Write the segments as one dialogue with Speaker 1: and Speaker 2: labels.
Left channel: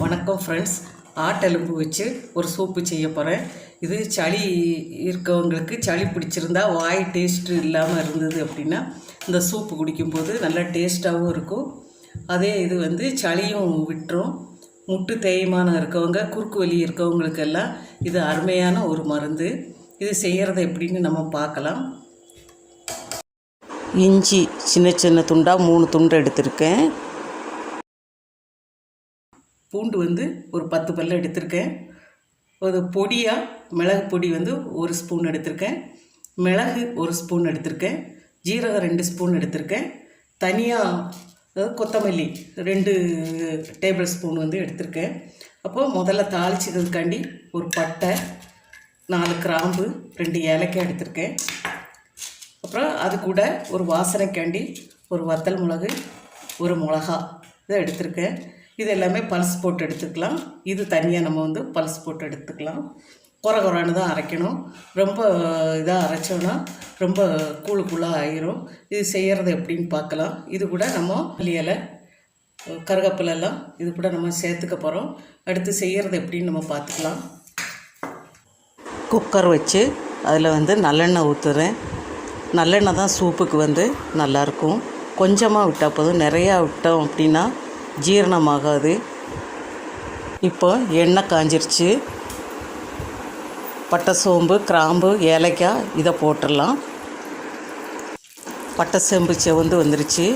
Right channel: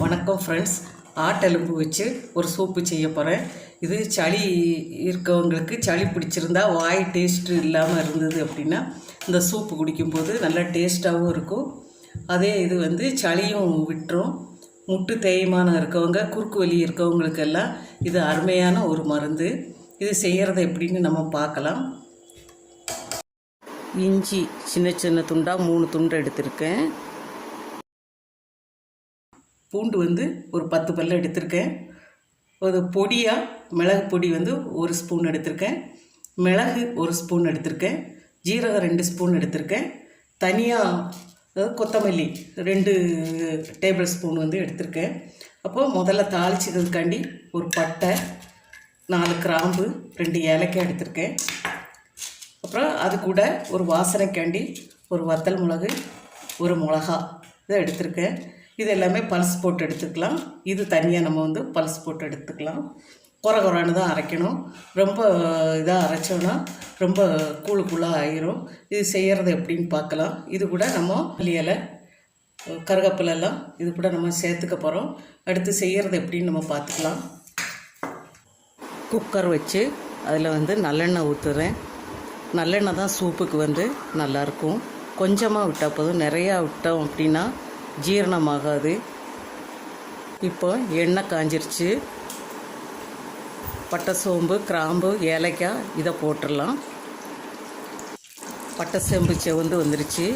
Speaker 1: வணக்கம் ஃப்ரெண்ட்ஸ் ஆட்டெலும்பு வச்சு ஒரு சூப்பு செய்ய போகிறேன் இது சளி இருக்கவங்களுக்கு சளி பிடிச்சிருந்தா வாய் டேஸ்ட்டு இல்லாமல் இருந்தது அப்படின்னா இந்த சூப்பு குடிக்கும்போது நல்லா டேஸ்ட்டாகவும் இருக்கும். அதே இது வந்து சளியும் விட்டுரும். முட்டு தேய்மானம் இருக்கவங்க குறுக்கு வலி இருக்கவங்களுக்கெல்லாம் இது அருமையான ஒரு மருந்து. இது செய்கிறத எப்படின்னு நம்ம பார்க்கலாம். இஞ்சி சின்ன சின்ன துண்டாக மூணு துண்டு எடுத்திருக்கேன். பூண்டு வந்து ஒரு பத்து பல்லு எடுத்திருக்கேன். ஒரு பொடியாக மிளகு பொடி வந்து ஒரு ஸ்பூன் எடுத்திருக்கேன். மிளகு ஒரு ஸ்பூன் எடுத்திருக்கேன். ஜீரகம் ரெண்டு ஸ்பூன் எடுத்திருக்கேன். தனியாக அதாவது கொத்தமல்லி ரெண்டு டேபிள் ஸ்பூன் வந்து எடுத்திருக்கேன். அப்போது முதல்ல தாளிச்சதுக்காண்டி ஒரு பட்டை நாலு கிராம்பு ரெண்டு ஏலக்காய் எடுத்திருக்கேன். அப்புறம் அது கூட ஒரு வாசனைக்காண்டி ஒரு வத்தல் மிளகு ஒரு மிளகா இதை எடுத்திருக்கேன். இது எல்லாமே பல்ஸ் போட்டு எடுத்துக்கலாம். இது தனியாக நம்ம வந்து பல்ஸ் போட்டு எடுத்துக்கலாம். குறை குறைன்னு தான் அரைக்கணும். ரொம்ப இதாக அரைச்சோன்னா ரொம்ப கூழு கூழாக ஆயிரும். இது செய்கிறது எப்படின்னு பார்க்கலாம். இது கூட நம்ம மல்லி கருகப்பிலெல்லாம் கருவேப்பிலை எல்லாம் இது கூட நம்ம சேர்த்துக்க போகிறோம் அடுத்து செய்கிறது எப்படின்னு நம்ம பார்த்துக்கலாம். குக்கர் வச்சு அதில் வந்து நல்லெண்ணெய் ஊற்றுறேன் நல்லெண்ணெய் தான் சூப்புக்கு வந்து நல்லாயிருக்கும் கொஞ்சமாக விட்டால் போதும். நிறையா விட்டோம் அப்படின்னா ஜீரணமாகாது. இப்போ எண்ணெய் காஞ்சிருச்சு. பட்டை சோம்பு கிராம்பு ஏலக்காய் இதை போட்டுடலாம். பட்டை செம்பு செவந்து வந்துருச்சு.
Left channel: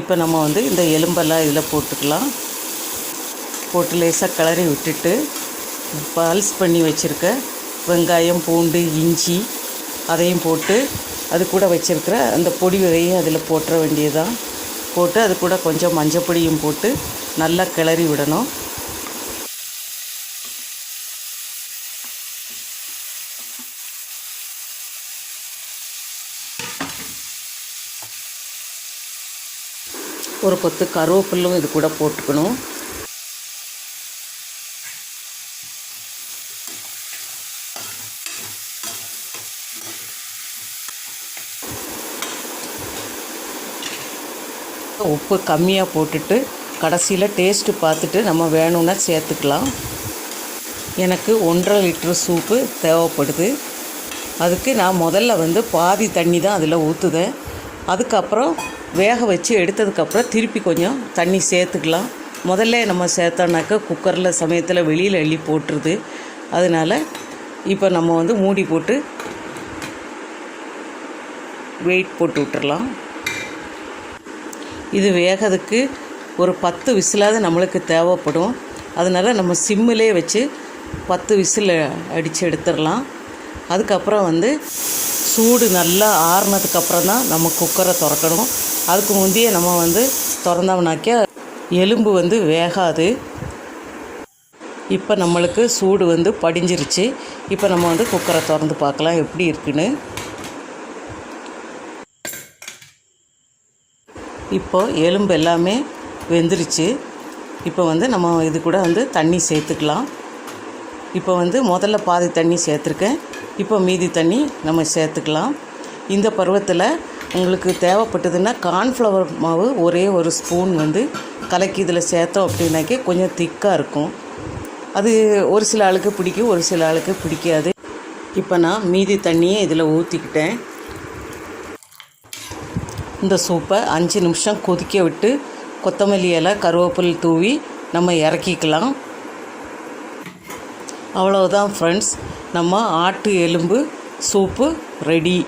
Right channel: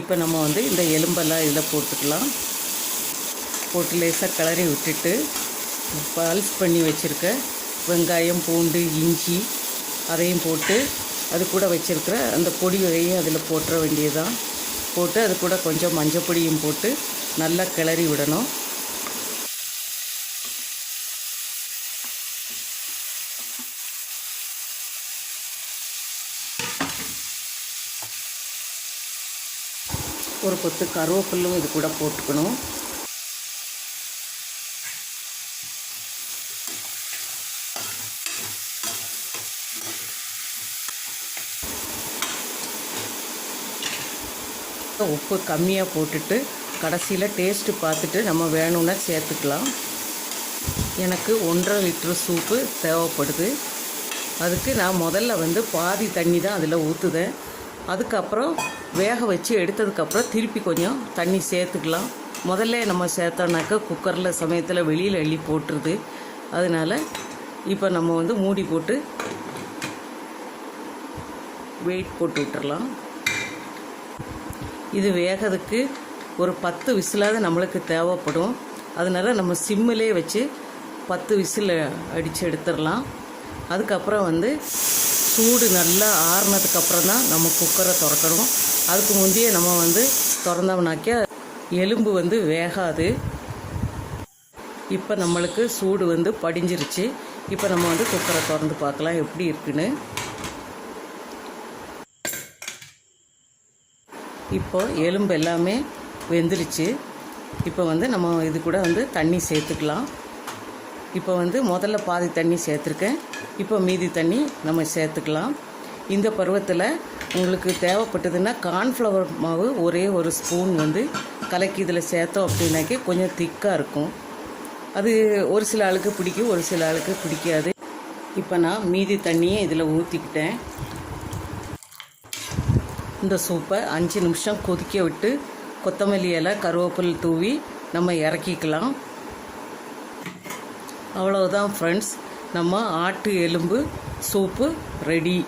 Speaker 1: இப்போ நம்ம வந்து இந்த எலும்பெல்லாம் இதில் போட்டுக்கலாம். போட்டு லேசாக கிளறி விட்டுட்டு பால்ஸ் பண்ணி வச்சுருக்க வெங்காயம் பூண்டு இஞ்சி அதையும் போட்டு அது கூட வச்சுருக்கிற அந்த பொடி விதையும் அதில் போட்டுற வேண்டியதுதான். போட்டு அது கூட கொஞ்சம் மஞ்சப்பொடியும் போட்டு நல்லா கிளறி விடணும். ஒரு கொத்து கருவேப்பில்லும் இது கூட போட்டுக்கணும். உப்பு கம்மியாக போட்டுட்டு கடைசியில் டேஸ்ட்டு பார்த்துட்டு நம்ம வேணும்னா சேர்த்துக்கலாம். எனக்கு ஒன்றரை லிட்ரு சூப்பு தேவைப்படுது. அதுக்கு நான் முதல்ல வந்து பாதி தண்ணி தான் அதில் ஊற்றுவேன் அதுக்கப்புறம் வேக வச்சு எடுத்ததுக்கப்புறம் திருப்பி கொஞ்சம் தண்ணி சேர்த்துக்கலாம். முதல்ல நம்ம சேர்த்தோன்னாக்கா குக்கரில் சமயத்தில் வெளியில் அள்ளி போட்டுருது. அதனால் இப்போ நம்ம வந்து மூடி போட்டு வெயிட் போட்டு விட்டுறலாம். இது வேகிறதுக்கு ஒரு பத்து விசிலாவது நம்மளுக்கு தேவைப்படும். அதனால் நம்ம சிம்மிலே வச்சு பத்து விசில் அடித்து எடுத்துடலாம். அதுக்கப்புறம் வந்து சூடு நல்லா ஆறுனதுக்கப்புறம் தான் நம்ம குக்கரை திறக்கணும். அதுக்கு முந்தைய நம்ம வந்து திறந்தோம்னாக்கா எலும்பு வந்து வேகாது. இப்போ நம்மளுக்கு சூடு வந்து படிஞ்சிருச்சு. இப்போ நம்ம வந்து குக்கரை திறந்து பார்க்கலாம் எப்படி இருக்குன்னு. இப்போ எலும்பு எல்லாமே வெந்துருச்சு. இப்போ வந்து நம்ம இது கூட வந்து தண்ணி சேர்த்துக்கலாம். இப்போ வந்து முதல்ல பாதி தண்ணி சேர்த்துருக்கேன். இப்போ மீதி தண்ணி நம்ம சேர்த்துக்கலாம். இந்த பருவத்தில் உங்களுக்கு தேவைப்பட்டதுன்னா கார்ன்ஃப்ளவர் மாவு ஒரே ஒரு ஸ்பூன் வந்து கலக்கி இதில் சேர்த்தோம் அப்படின்னாக்கே கொஞ்சம் திக்காக இருக்கும். அது ஒரு சில ஆளுக்கு பிடிக்கும் ஒரு சில ஆளுக்கு பிடிக்காது. இப்போ நான் மீதி தண்ணியை இதில் ஊற்றிக்கிட்டேன் இந்த சூப்பை அஞ்சு நிமிஷம் கொதிக்க விட்டு கொத்தமல்லி இலை கருவேப்பிலை தூவி நம்ம இறக்கிக்கலாம். அவ்வளோதான் ஃப்ரெண்ட்ஸ் நம்ம ஆட்டு எலும்பு சூப்பு ரெடி